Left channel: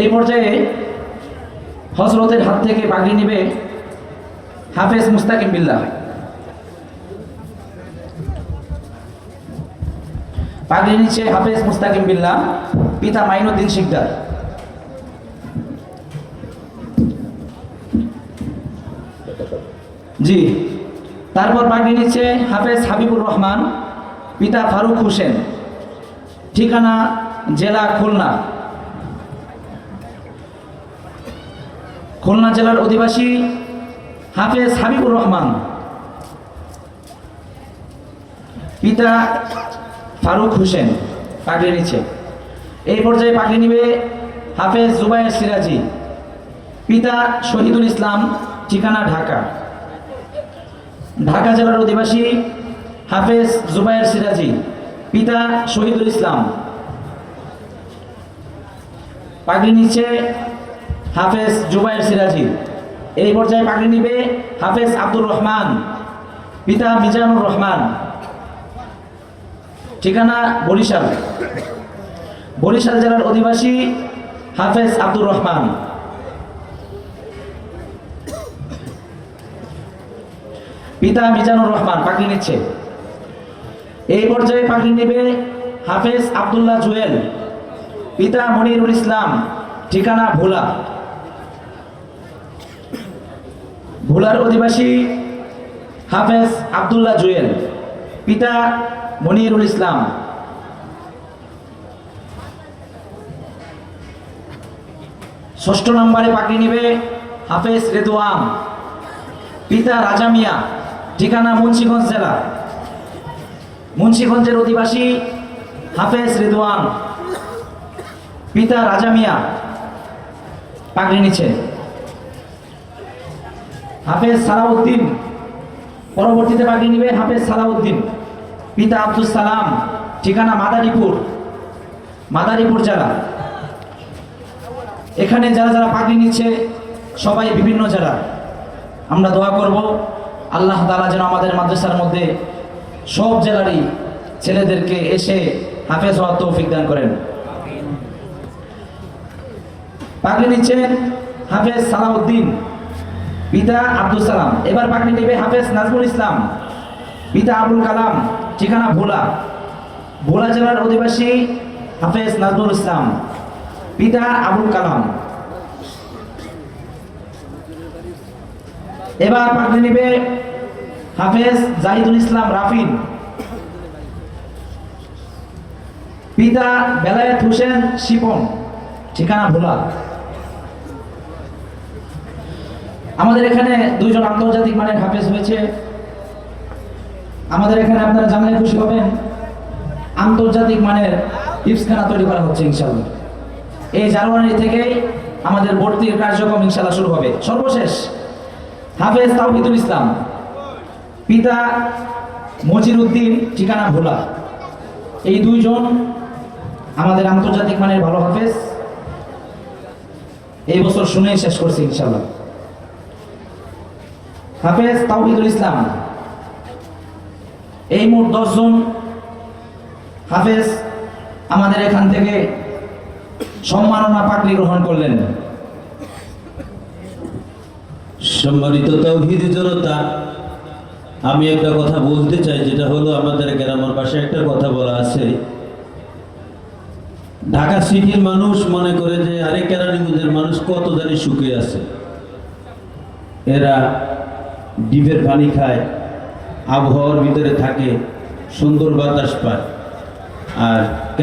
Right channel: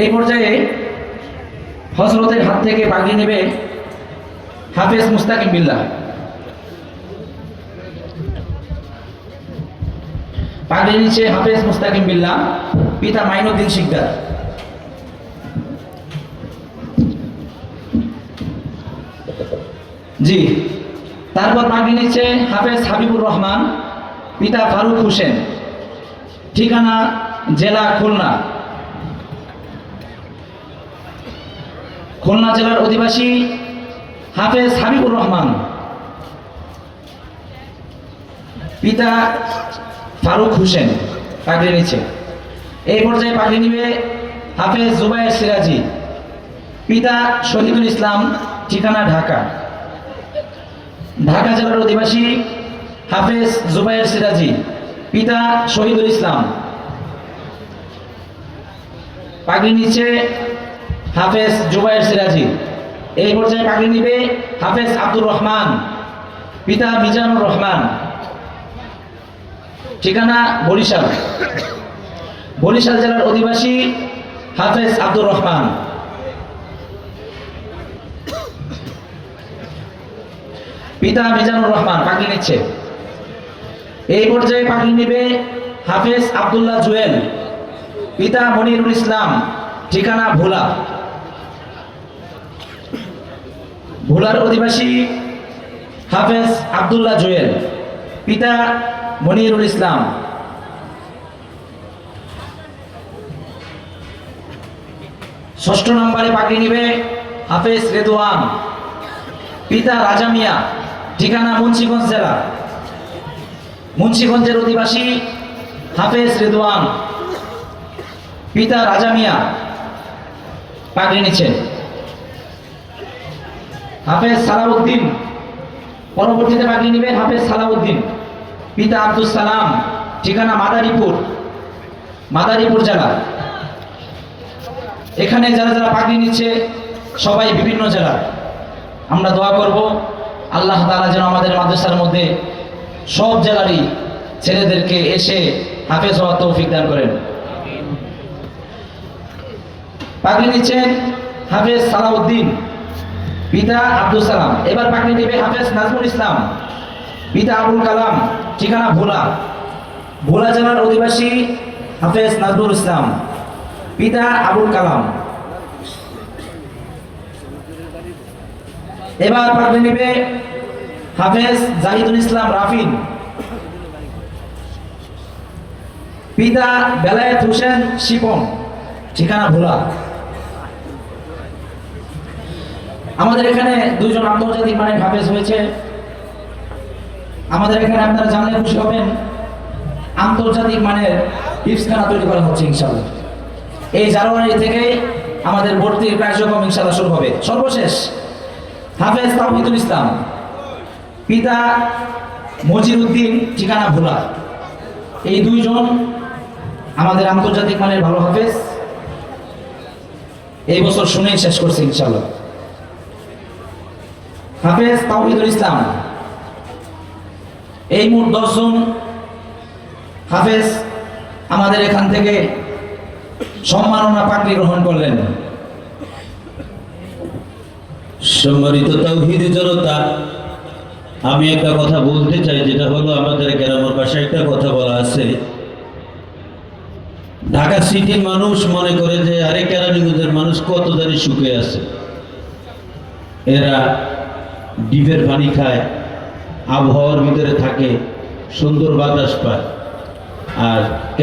এই পর্যায়ে হযরতের হাত থেকে পাগড়ি নেবে হাফেজ মুস্তাকিম বিল্লাহ। পাগড়ি নিচ্ছে হাফেজ মুস্তাকিম বিল্লাহ, পিতা মাইনুদ্দিন শিকদার। জি, তারপর পাগড়ি নিচ্ছে হাফেজ হাবিবুর রহমান, পিতা ফারুক হোসেন, ঠিকানা জেলা খুলনা। খুলনা জেলার অধিবাসী হাফেজ হাবিবুর রহমান, পিতা ফারুক হোসেন পাগড়ি নিচ্ছে। এই পর্যায়ে পাগড়ি নিবে হাফেজ জুবায়ের সিরাজি, পিতা শহীদুল ইসলাম, ঠিকানা ঢাকা। ঢাকা জেলার অধিবাসী হাফেজ জুবায়ের সিরাজি, পিতা শহীদুল ইসলাম। পাগড়ি নিচ্ছে হাফেজ জুবায়ের সিরাজি। এই পর্যায়ে পাগড়ি নিবে হাফেজ আব্দুর রহমান, পিতা মিজানুর রহমান, ঠিকানা বরিশাল। বরিশাল জেলার অধিবাসী হাফেজ আব্দুর রহমান। পিতা মিজানুর রহমান পাগড়ি নিচ্ছে। এই পর্যায়ে পাগড়ি নেবে হাফেজ আব্দুল্লাহ জুয়েল, পিতা মনিরুল ইসলাম, ঠিকানা ভোলা। ভোলার অধিবাসী হাফেজ আব্দুল্লাহ জুয়েল, পিতা মনিরুল ইসলাম। ষষ্ঠ নম্বরে পাগড়ি নেবে হাফেজ রেদওয়ান, পিতা রাজা মিয়া, ঠিকানা মুন্সিগঞ্জ জেলা। মুন্সিগঞ্জের অধিবাসী হাফেজ রেদওয়ান, পিতা রাজা মিয়া পাগড়ি নিচ্ছেন। হাফেজ সালাউদ্দিন, পরবর্তীতে পাগড়ি নেবেন হাফেজ সালাউদ্দিন, পিতা আব্দুল সালাম, ঠিকানা মাদারীপুর, মাদারীপুর জেলা। এখানে যারা যারা পাগড়ি নিচ্ছে সবাই বিভিন্ন জেলা। আমরা দোয়া করব আল্লাহ তাআলা যেন আমাদের মাদ্রাসার মধ্যে সব জেলারই ছেলেদেরকে এসে হাফেজ হওয়ার তৌফিক দান করেন। পাগড়ি নিচ্ছেন হাফেজ সালাউদ্দিন, পিতা আব্দুল সালাম। এবার পাগড়ি নেবে হাফেজ নাজমুল ইসলাম, পিতা আবুল কালাম, ঠিকানা ভোলা। ভোলা জেলার অধিবাসী হাফেজ নাজমুল ইসলাম, পিতা আবুল কালাম। এবার পাগড়ি নেবে হাফেজ জাহিদুল ইসলাম রাফিন, পিতা বেলায়েত হোসেন শিপন, ঠিকানা ভোলা। আমাদের এখানে দুইজন আন্তর্জাতিক মানের হাফেজ হয়েছে। আমাদের এখানে আপনারা জানলে খুশি হবেন, আন্তর্জাতিক মানের হিফজখানা তৈরি করা হচ্ছে ইনশাআল্লাহ। এই জানুয়ারি থেকে আমাদের ভর্তির কার্যক্রম ইনশাআল্লাহ শুরু হবে। সর্বশেষ হাফেজ তাওহিদুল ইসলাম, পিতা মজিরউদ্দিন, ঠিকানা ভোলা। এই দুইজন আমাদের আন্তর্জাতিক মানের ভালো হাফেজ। এই বছর শুনেই শেষ করছে ইনশাআল্লাহ। হাফেজ তাওহিদুল ইসলাম, এই মোট 10 জন হাফেজ আমাদের এখান থেকে সম্মাননা পাগড়ি গ্রহণ করলেন। সম্মানিত তাওহীদি জনতা, আমি একটা কথা বলতে চাই, যেটা হলো আমাদের গ্রামের পাশে একটা কথা বলা আছে, ঢাকা সিটির মানুষ মনে করে যে আরে কেরানীগঞ্জের মানুষ কত জানি সুখে আছে, এরা ডিপের পানি খায়, আবহাওয়ার ভিতরে থাকে, সুন্দর বাতাস পায়। আর